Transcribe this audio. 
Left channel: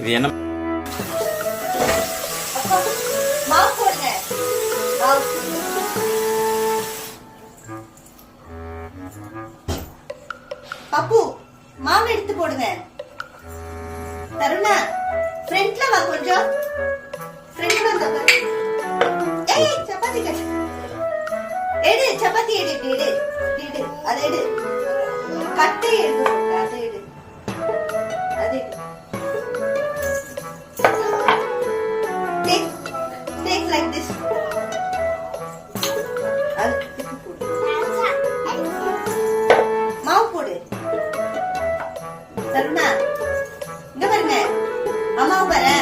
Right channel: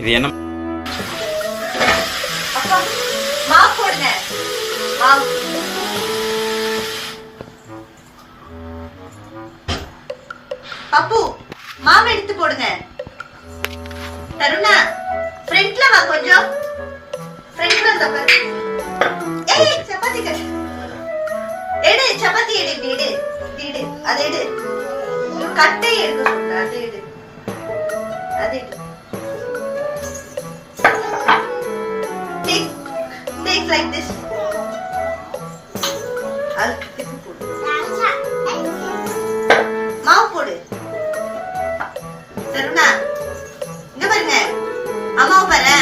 இது என்ன மாவு போடுங்க. பப்பு மாவு எடுத்து போடுங்க. தருணா ஃப்ரண்ட்ல வா, கொஞ்சம் ஃப்ரண்ட்ல வந்து பாரு. ஏய் சப்பாத்தி கட்டு. எடு சப்பாத்தி எடு, எடு எடு, அதை எடு. கட்டை எடு, அதை எடு, அதை எடு. Take like this. மாவு போடு. தருணா இங்க பாருங்க, அம்மாவை பாரு.